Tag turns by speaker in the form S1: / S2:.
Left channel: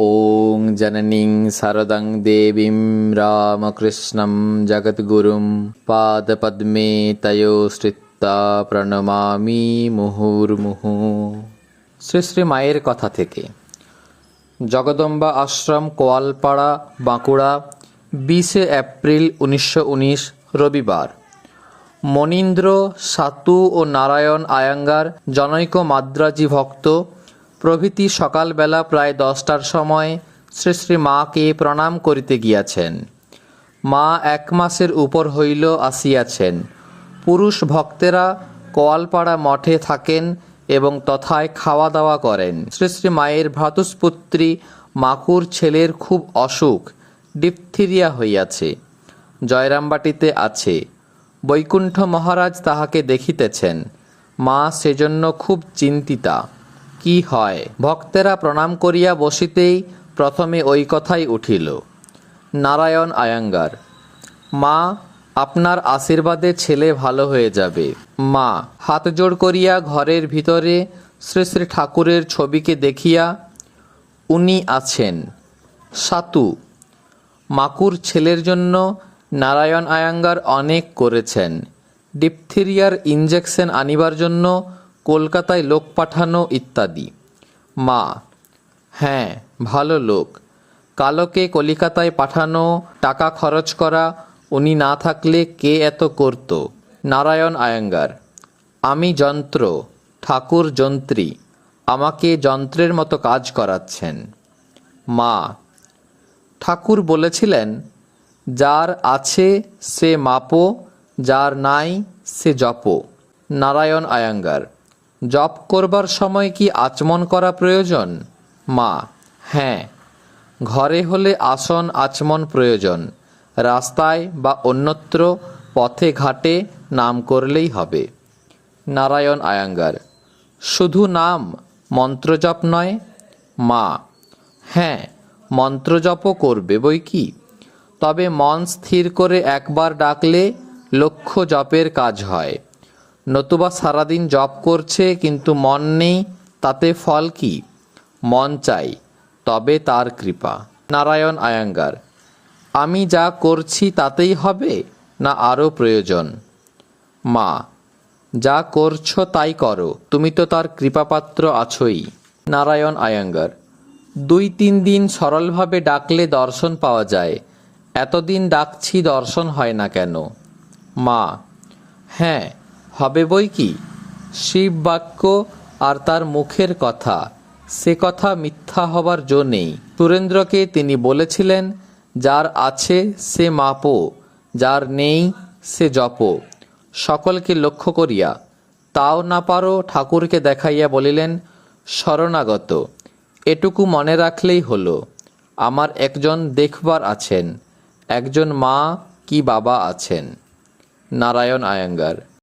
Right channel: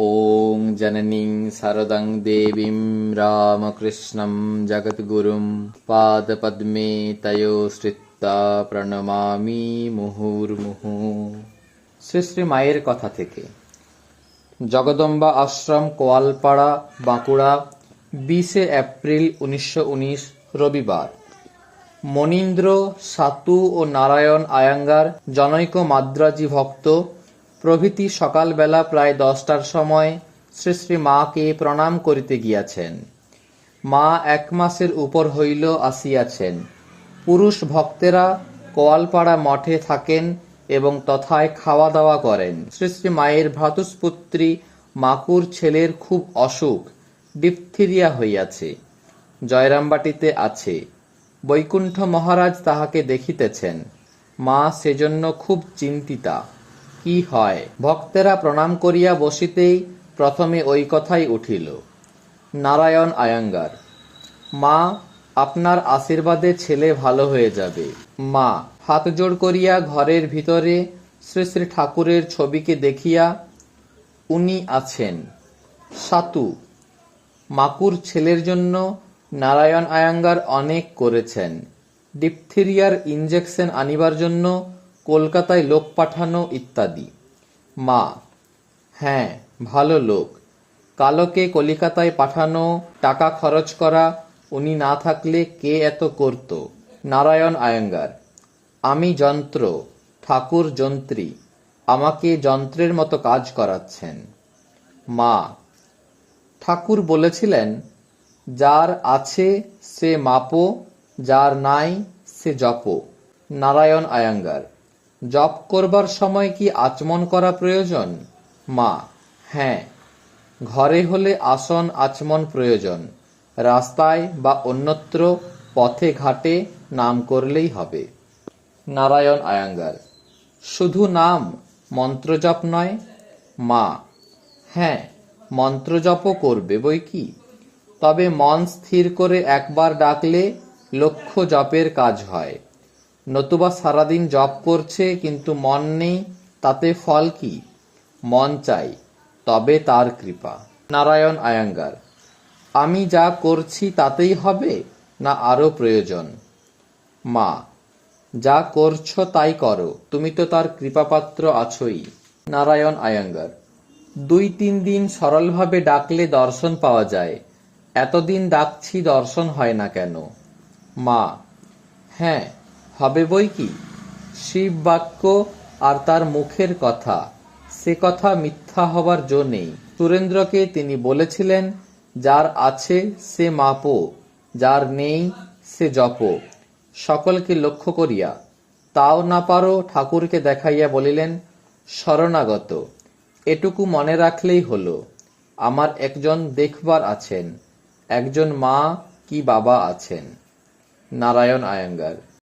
S1: ॐ जननीं शारदां देवीं रामकृष्णं जगद्गुरुं पादपद्मे तयो শ্রিত্তা প্রণমামি মুহুর্মুহু শ্রী শ্রী মায়ের কথা থেকে জগদম্বা আশ্রম কোয়ালপাড়া বাঁকুড়া বিশে এপ্রিল উনিশশো উনিশ রবিবার মনীন্দ্র সাতু ও নারায়ণ আয়াঙ্গার জনৈক মাদ্রাজি ভক্ত প্রভৃতি সকালবেলা প্রায় দশটার সময় শ্রী শ্রী মাকে প্রণাম করিতে গিয়াছেন। মা এক মাসের উপর হইল আসিয়াছেন। পুরুষ ভক্তেরা কোয়ালপাড়া মঠে থাকেন এবং তথায় খাওয়া দাওয়া করেন। শ্রী শ্রী মায়ের ভ্রাতুষ্পুত্রী মাকুর ছেলের খুব অসুখ, ডিপথিরিয়া হইয়াছে, জয়রামবাটিতে আছে। বৈকুণ্ঠ মহারাজ তাহাকে দেখিতেছেন। মা সেজন্য খুব চিন্তিতা। কি হয়? ভক্তেরা প্রণাম করিয়া বসিতেই প্রথমে ওই কথাই উঠিল। নারায়ণ আয়াঙ্গার, মা, আপনার আশীর্বাদে ছেলে ভালো হয়ে যাবে। মা, হাত জোড় করিয়া ঘরের ভিতরে শ্রী শ্রী ঠাকুরের ছবিকে দেখিয়া উনি আছেন। সাতু, মাকুর ছেলের জন্য নারায়ণ আয়াঙ্গার অনেক করেছেন। ডিপথিরিয়ার ইঞ্জেকশন আনিবার জন্য কলকাতায় লোক পাঠানো ইত্যাদি। মা হ্যাঁ ভালো লোক। কালোকে কলিকাতায় পাঠানো, টাকা খরচ করা, উনি না থাকলে কে এত করত? নারায়ণ আয়াঙ্গার। আমি যন্ত্র, ঠাকুর যন্ত্রী, আমাকে যন্ত্রের মতো কাজ করাচ্ছেন। মা, ঠাকুর বলেছিলেন, যার আছে সে মাপো, যার নাই সে জপ। নারায়ণ আয়াঙ্গার। জপ করবার সময় কি আচমন করা প্রয়োজন? মা হ্যাঁ। ঘরে হলে আসন আচমন প্রয়োজন। রাস্তায় বা অন্যত্র পথে ঘাটে নাম করলেই হবে। নারায়ণ আয়াঙ্গার, শুধু নাম মন্ত্রজপ নয়? মা হ্যাঁ মন্ত্রজপও করবে বই কি? তবে মন স্থির করে একবার ডাকলে লক্ষ্য জপের কাজ হয়। নতুবা সারাদিন জপ করছে, কিন্তু মন নেই, তাতে ফল কি? মন চাই, তবে তার কৃপা। নারায়ণ আয়াঙ্গার, আমি যা করছি তাতেই হবে, না আরও প্রয়োজন? মা, যা করছ তাই করো, তুমি তো তার কৃপাপাত্র আছোই। নারায়ণ আয়াঙ্গার, দুই তিন দিন সরলভাবে ডাকলে দর্শন পাওয়া যায়, এতদিন ডাকছি দর্শন হয় না কেন? মা হ্যাঁ হবে বই কি? শিব বাক্য আর তার মুখের কথা। সে কথা মিথ্যা হবার জো নেই। সুরেন্দ্রকে তিনি বলেছিলেন, যার আছে সে মাপো, যার নেই সে জপ। সকলকে লক্ষ্য করিয়া। তাও না পারো ঠাকুরকে দেখাইয়া বলিলেন, শরণাগত। এটুকু মনে রাখলেই হলো, আমার একজন দেখবার আছেন। একজন মা কি বাবা আছেন? নারায়ণ আয়াঙ্গার